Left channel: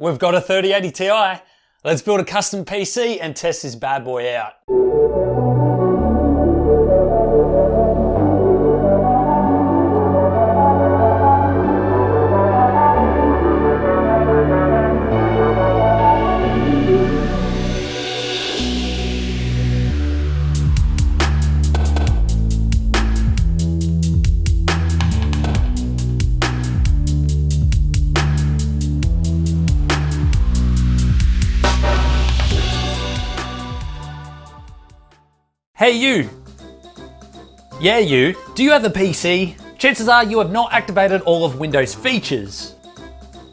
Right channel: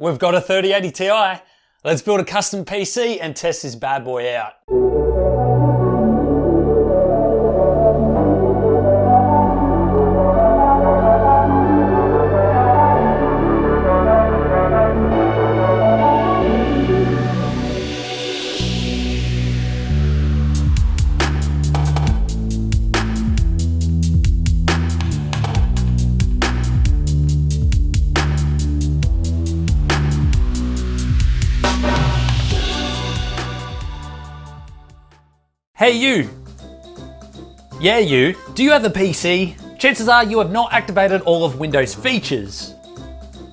We've got a 3080 Ti. Let's build a custom PC and test this bad boy out. Hey you! Yeah you, do you have a PC? Chances are you have not activated all of Windows features.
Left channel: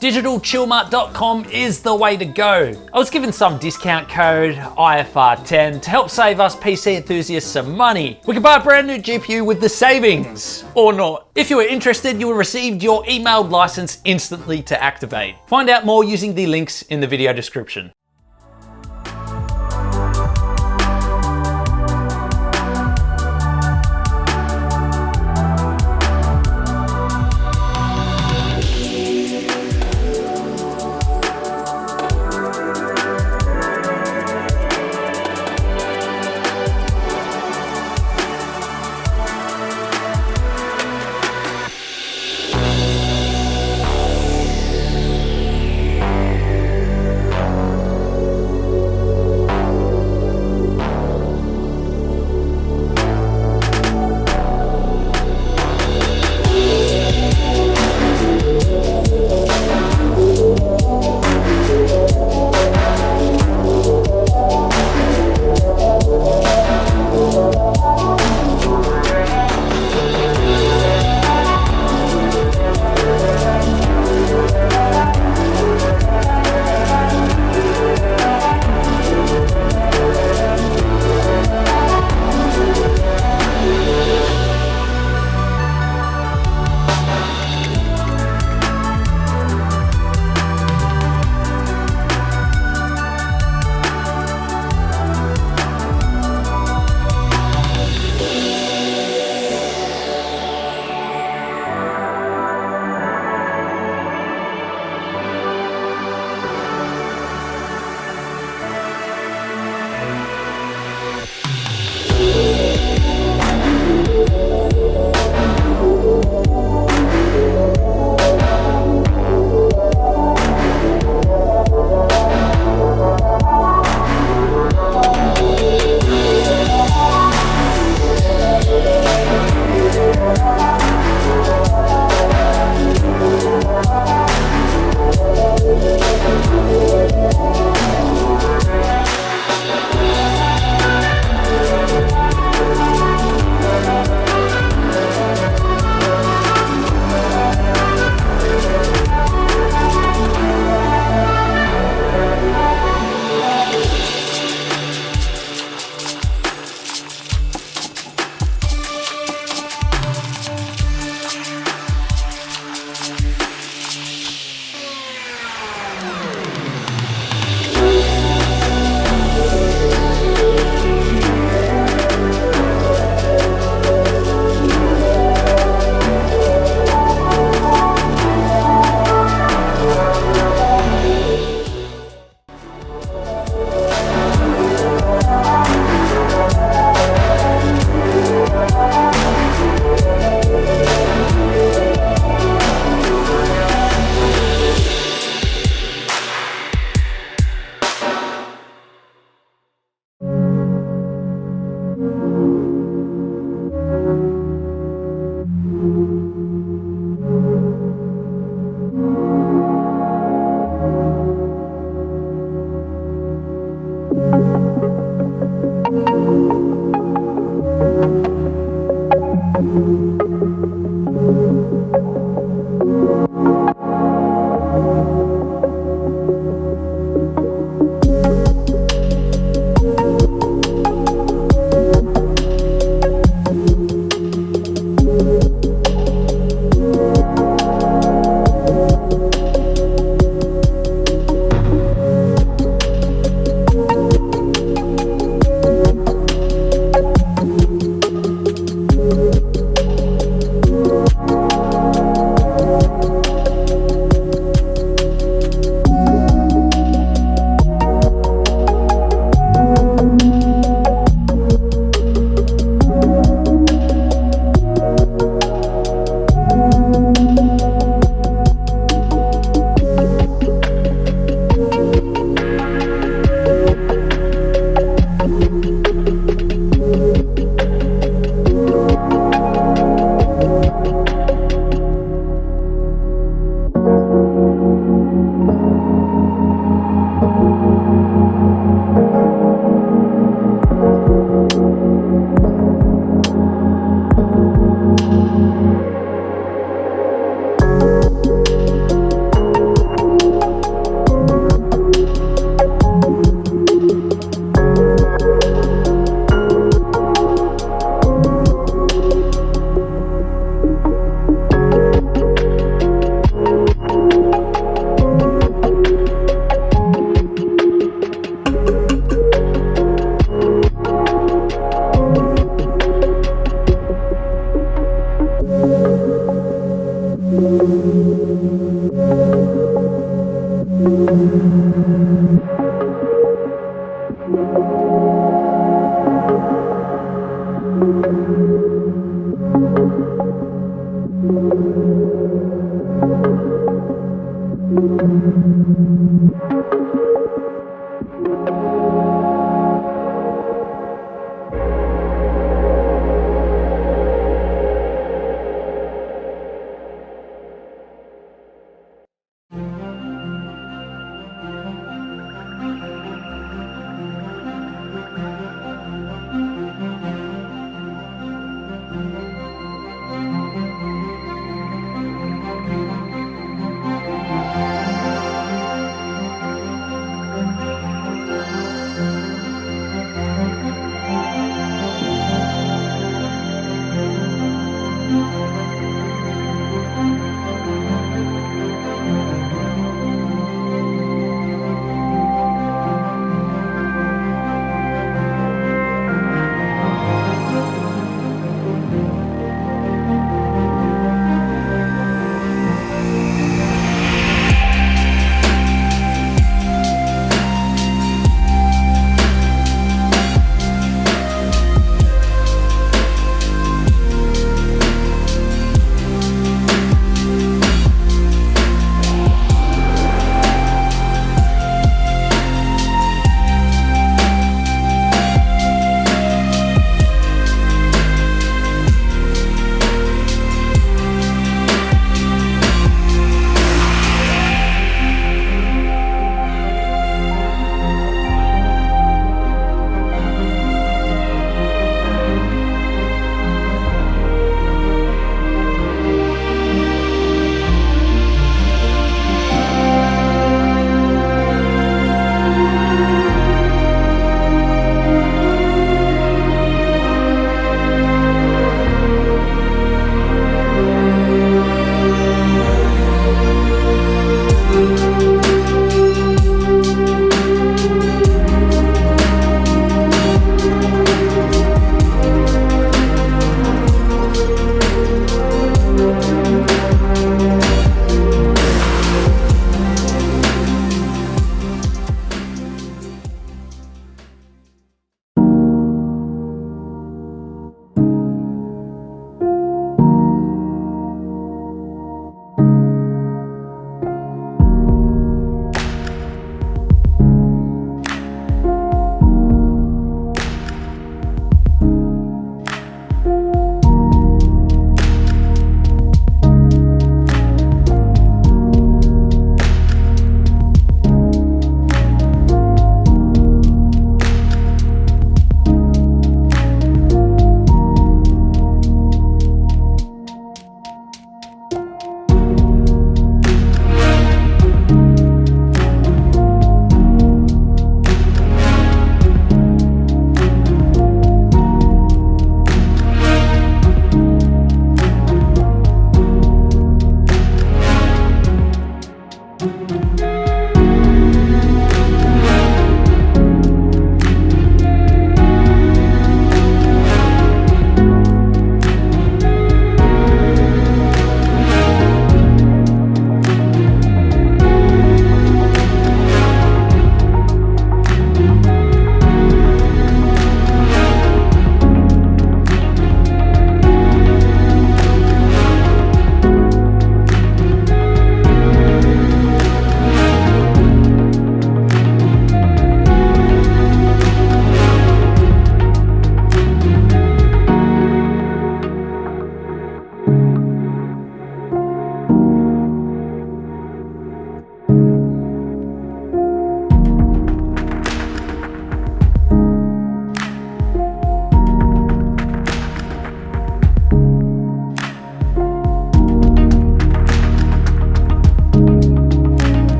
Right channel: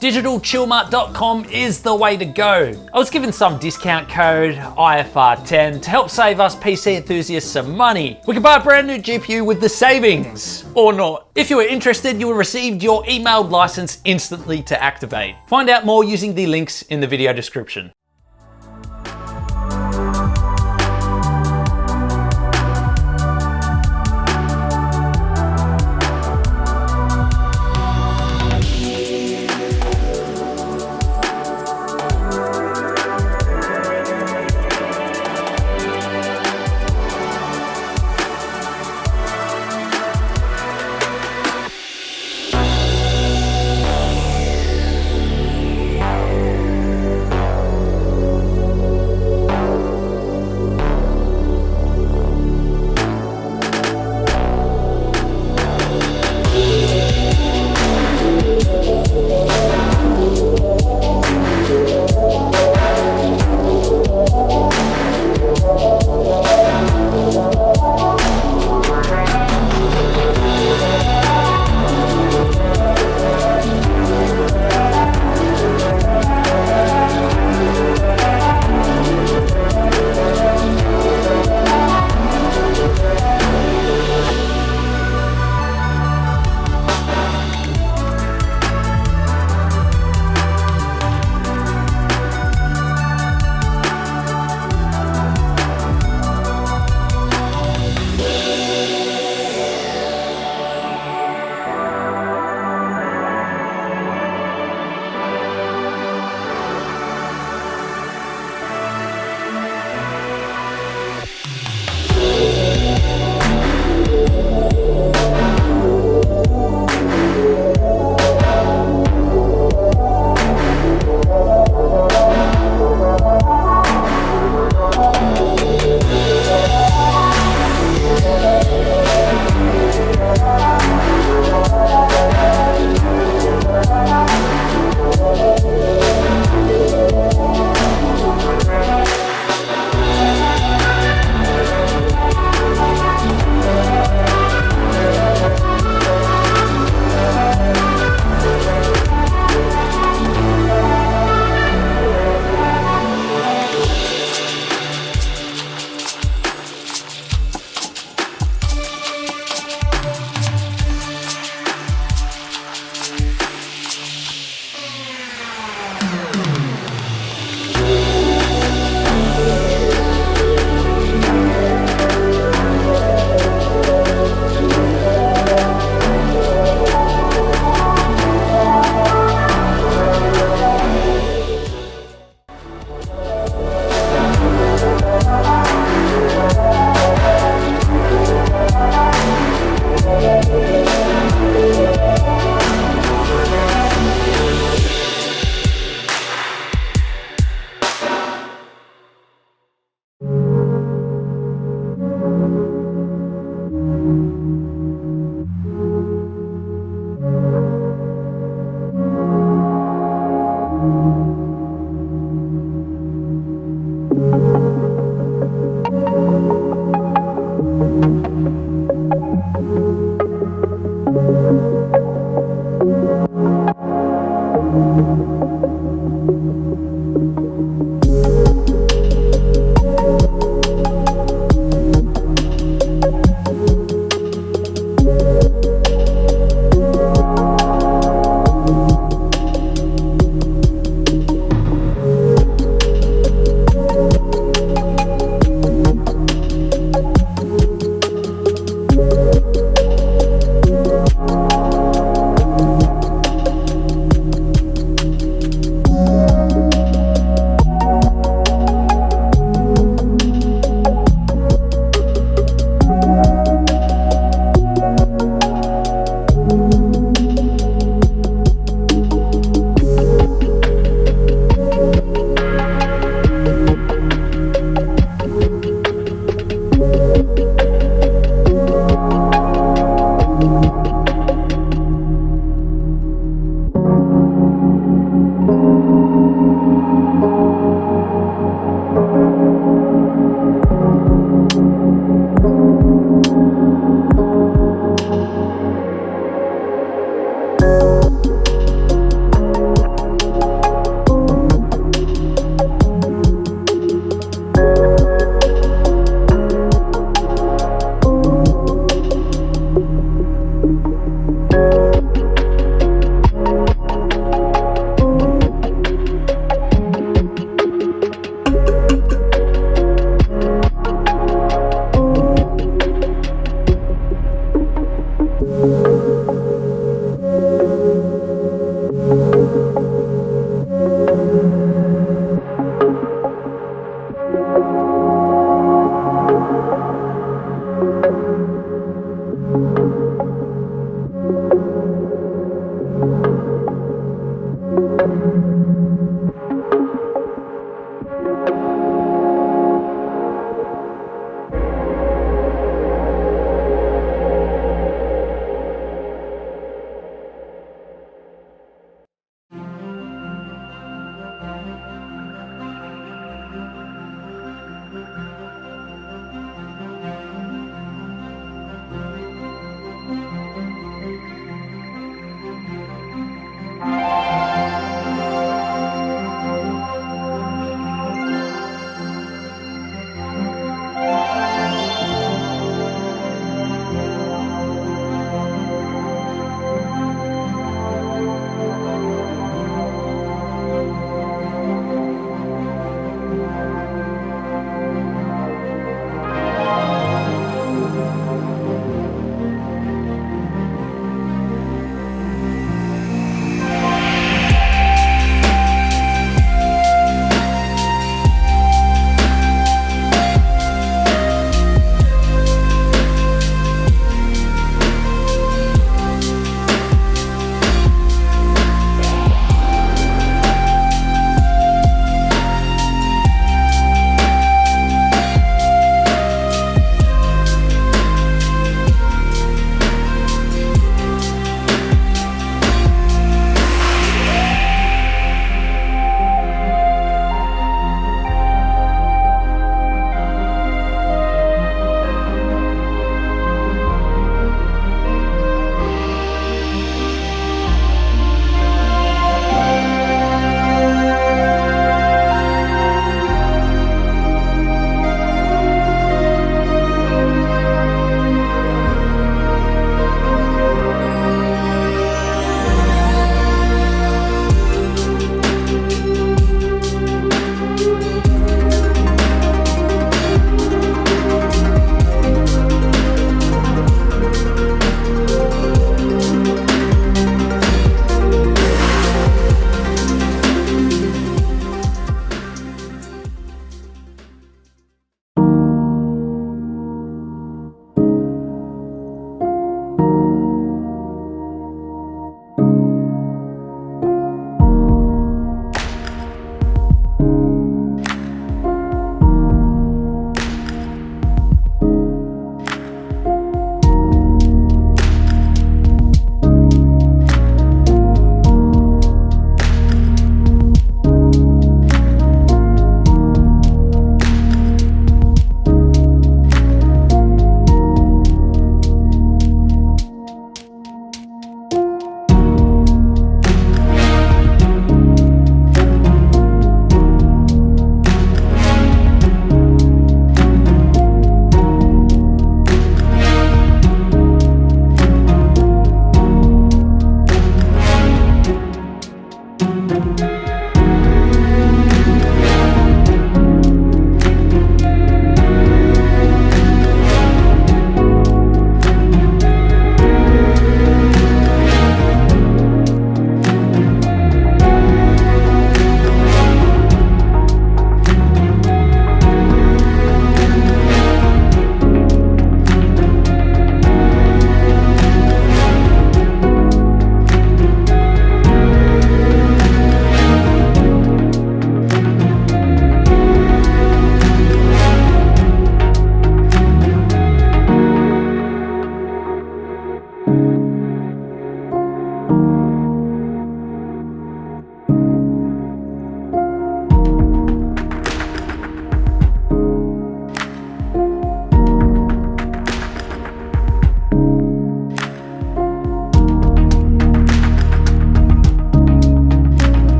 DigitalChillmart.com is the way to go. I was given some discount code, IFR10, to help save us PC enthusiasts some money. We can buy a brand new GPU with the savings, or not. If you are interested, you will receive your emailed license instantly to activate. Find out more using the links in the video description.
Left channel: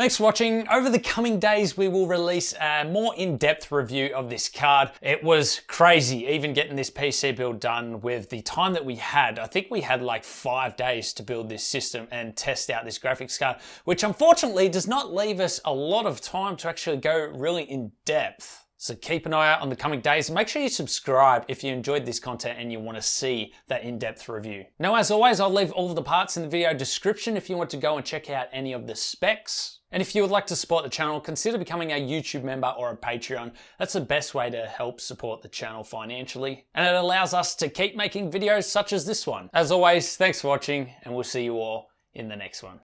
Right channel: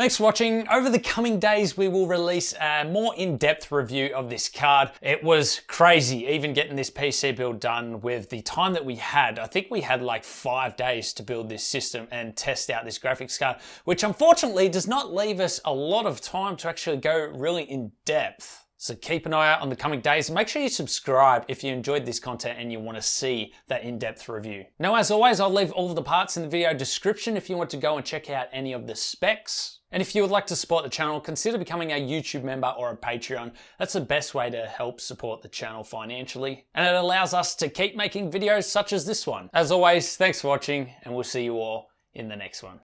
Thanks for watching. Over the coming days, we will release a more in-depth review of this card. It was crazy, even getting this PC build done with the time that we had. I think we had like 5 days to build this system and test out this graphics card, which unfortunately does not leave us a lot of time to actually go really in depth. So keep an eye out on the coming days and make sure you subscribe if you enjoyed this content and you want to see that in-depth review. Now, as always, I'll leave all of the parts in the video description if you want to go and check out any of the specs. And if you would like to support the channel, consider becoming a YouTube member or a Patreon. That's the best way to help support the channel financially. And it allows us to keep making videos such as this one. As always, thanks for watching and we'll see you all in the next one.